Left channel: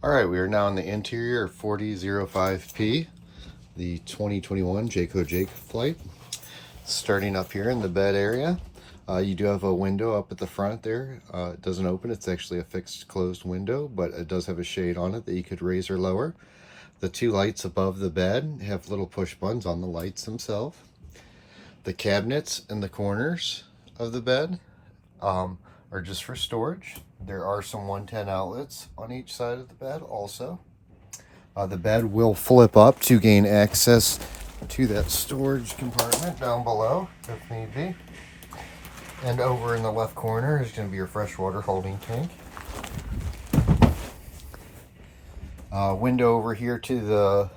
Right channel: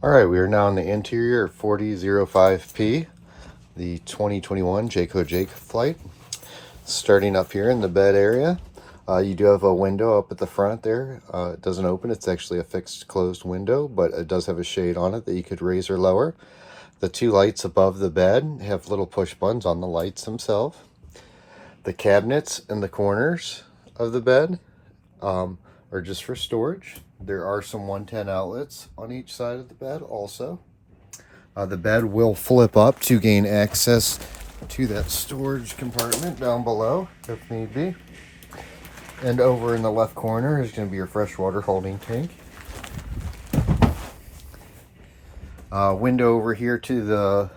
All right, we are now in the interior of 4005P, the 2021 Jayce Jay Flight. Starting up here in the bed area, you do have a window up at the front there. It doesn't open, it's actually a fixed closed window, but it does have a shade on it that you could raise or lower. The two lights above the bed have little push buttons on the lights themselves. The cabinets in the corners of the bed are just for storage. There are some 110 outlets on each side of the bed also. The bed will flip up to gain access to that storage compartment down below if need be. And over in the left corner is going to be your freshwater holding tank. Window over here to the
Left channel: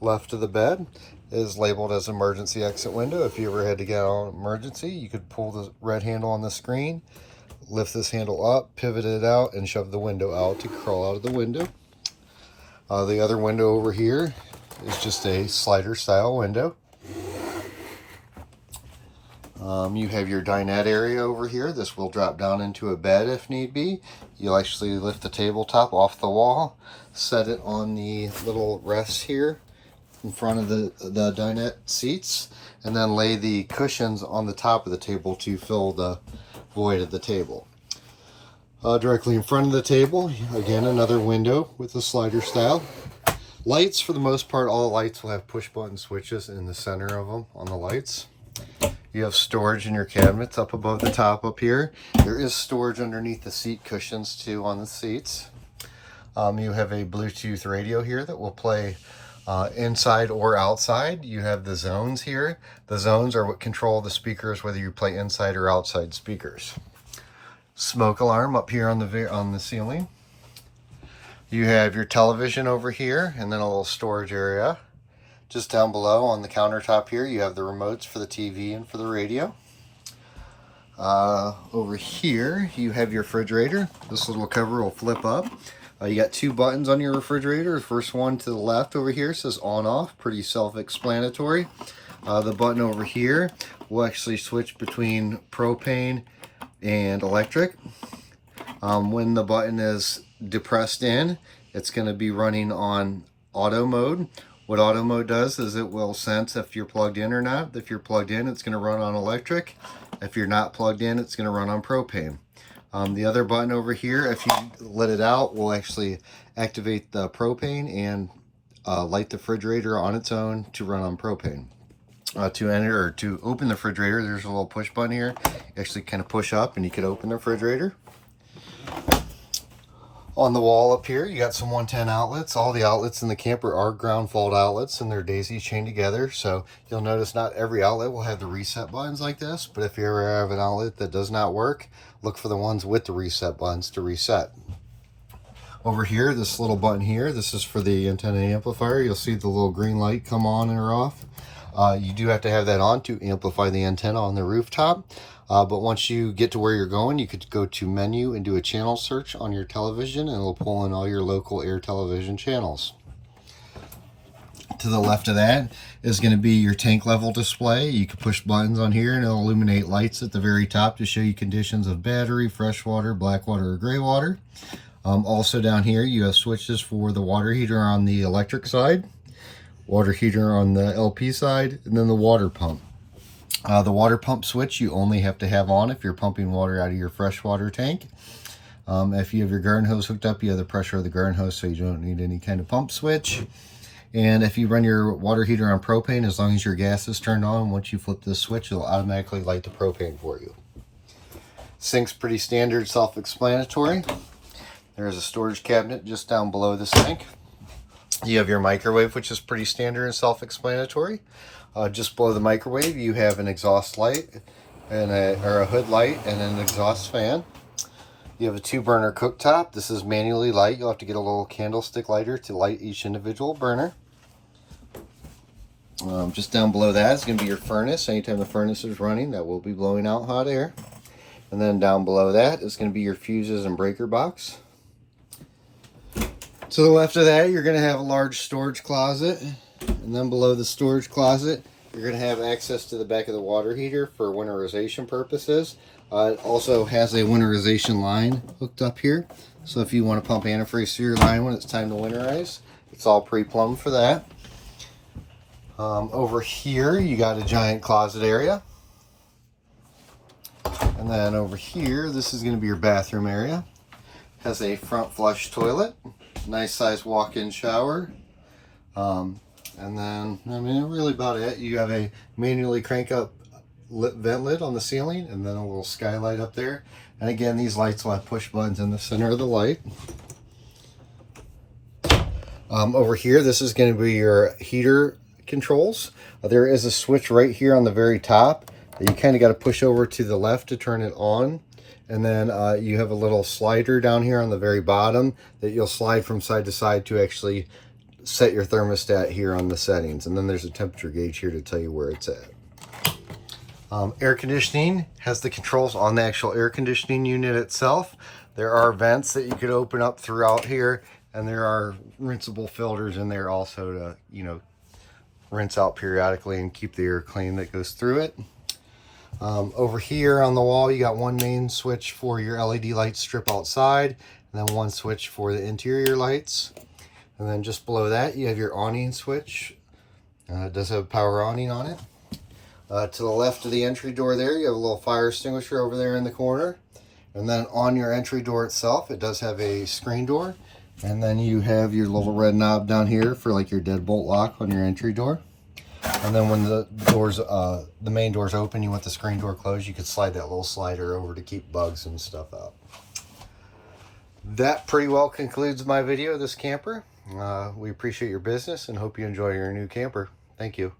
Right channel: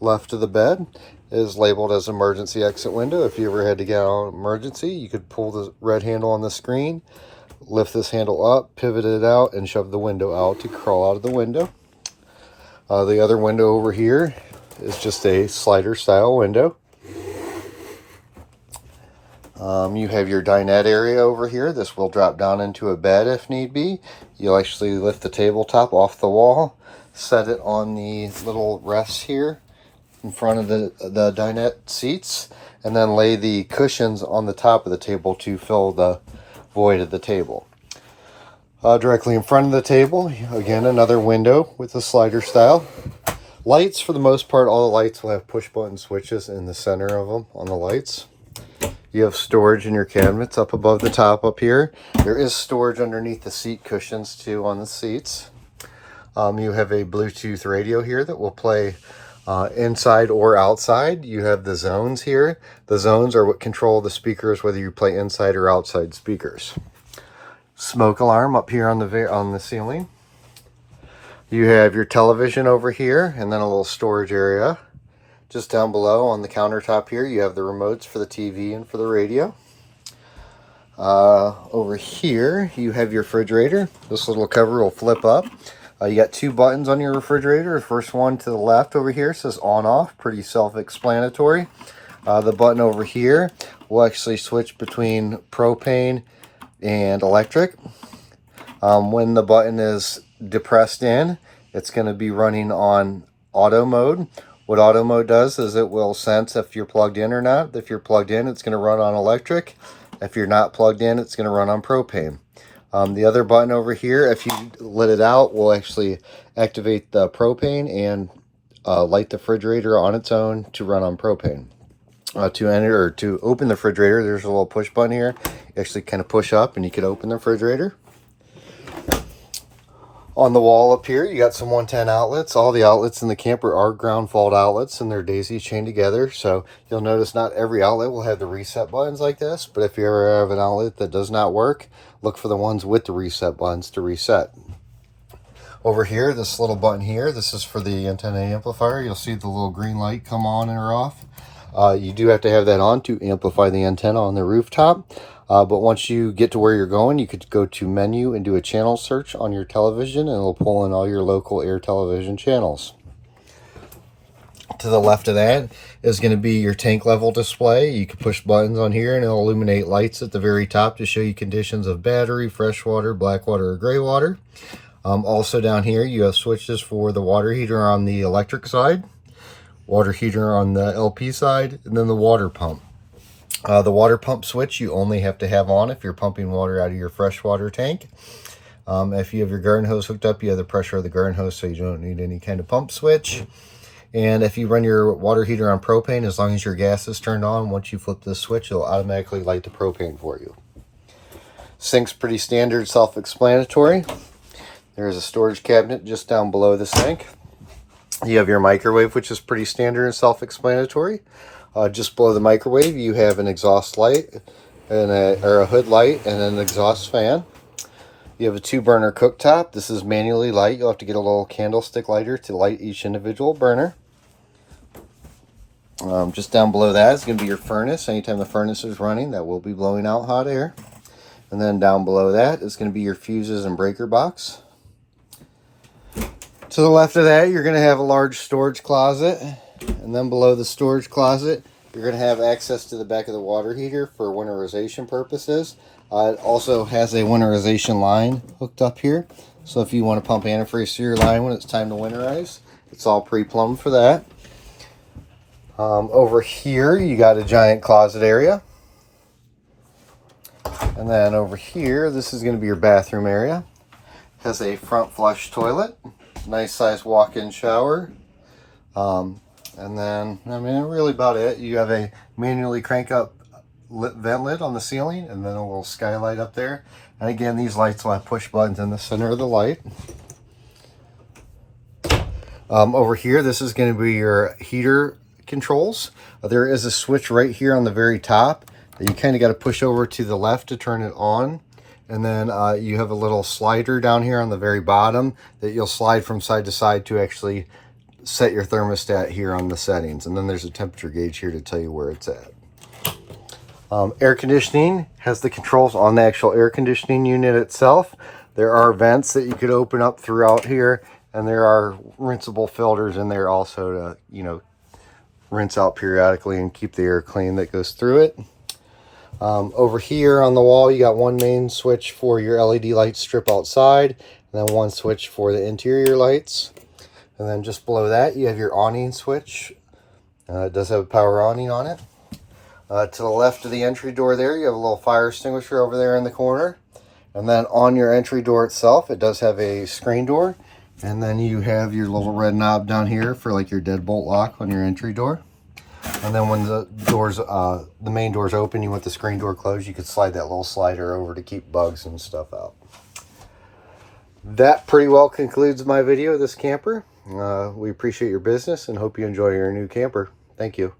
left of the bed is labeled as emergency exit window. If you ever had to get out of emergency, you could pull the red handle on the screen, lift this handle up, pivot it out, and shove the window out to crawl out of the window. The other window over here is just a slider style window. You have your dinette area over here. This will drop down into a bed if need be. You'll actually lift the tabletop off the wall, set it on the little rests here in front of the dinette seats, and then lay the cushions on the top of the table to fill the void of the table. Directly in front of the table, again, another window with a slider style. Lights, for the most part, all the lights will have push button switches in the center of them on the lights. You have storage in your cabinets up above the top up here. There is storage underneath the seat cushions too on the seats. You have a Bluetooth radio here that will play inside or outside. You have the zones here. The zones are what control the speakers, whether you play inside or outside speakers. Smoke alarm up here on the ceiling. You have your television over here, and then a little storage area. Just down below on the countertop here, you have the remotes for the TV and for the radio. Over here, you have your refrigerator. This little cover will flip up. You got two buttons on your refrigerator. The first one to the left over here says on off, pretty self-explanatory. The button over here will actually switch between propane and electric. When the button is depressed in, it's going to be running on auto mode. What auto mode does is it will sense if you're plugged in or not. If you're plugged in, it's going to run on electric. If you're not plugged in, it's going to run on propane. The other button over here, if you let it out, will actually activate the propane and light the refrigerator on its own to run on propane. To enter or to open the refrigerator, there's a little push button here. You actually kind of push up and you can open the refrigerator. On the wall up here, you got some 110 outlets. All the outlets in the camper are ground fault outlets, and they're daisy chained together. So you'll notice not every outlet will have the reset buttons like this, but if you ever have an outlet that does not work, look for the ones with the reset buttons to reset. Over here, this little button here, this is for the antenna amplifier. You'll see the little green light come on and off. You do have to have that on to amplify the antenna on the rooftop. But once you get to where you're going, you could go to menu and do a channel search on your television, and it'll pull in all your local air television channels. To the left of that is going to be your tank level display. You can push buttons on here and it'll illuminate lights at the very top to show you conditions of battery, freshwater, black water, or gray water. Also down here, you have switches for the water heater on the electric side, water heater on the LP side, and then the water pump. The water pump switch you only have to have on if you're pumping water out of your freshwater tank. If you have your garden hose hooked up, you have the pressure of the garden hose, so you don't need any kind of pump switch. And if you run your water heater on propane, as long as your gas is turned on, once you flip this switch, it'll automatically light the propane for you. Sink's pretty standard, self-explanatory. There's a storage cabinet just down below the sink. You have your microwave, which is pretty standard and self-explanatory. Just below the microwave, you have an exhaust light and a hood light and an exhaust fan. You have a 2-burner cooktop. This is manually light. You'll have to get a little candlestick lighter to light each individual burner. Just down below that is going to be your furnace. Anytime the furnace is running, that will be blowing out hot air. And then down below that is going to be your fuses and breaker box. To the left of that, you're going to have a large storage closet. And then below the storage closet, You're going to have access to the back of the water heater for winterization purposes. It also has a winterization line hooked up here. So if you want to pump antifreeze through your line when it's time to winterize, it's all pre-plumbed for that. Over here, you got a giant closet area. And then over here, this is going to be your bathroom area. It has a front flush toilet, nice size walk-in shower. And then, I mean, really about it. You have a manually crank up vent lid on the ceiling, and then a little skylight up there. And again, these lights will have push buttons in the center of the light. Over here, this is going to be your heater controls. There is a switch right here on the very top that you kind of got to push over to the left to turn it on. And then you have a little slider down here on the very bottom that you'll slide from side to side to actually set your thermostat here on the settings. And then there's a temperature gauge here to tell you where it's at. Air conditioning has the controls on the actual air conditioning unit itself. There are vents that you could open up throughout here, and there are rinsable filters in there also to, you know, rinse out periodically and keep the air clean that goes through it. Over here on the wall, you got one main switch for your LED light strip outside, and then one switch for the interior lights. And then just below that, you have your awning switch. It does have a power awning on it. To the left of the entry door there, you have a little fire extinguisher over there in the corner. And then on your entry door itself, it does have a screen door. And then you have your little red knob down here for like your deadbolt lock on your entry door. And then when the doors, the main door's open, you want the screen door closed, you could slide that little slider over to keep bugs and stuff out. That pretty well concludes my video of this camper. We appreciate your business and hope you enjoy your new camper. Thank you.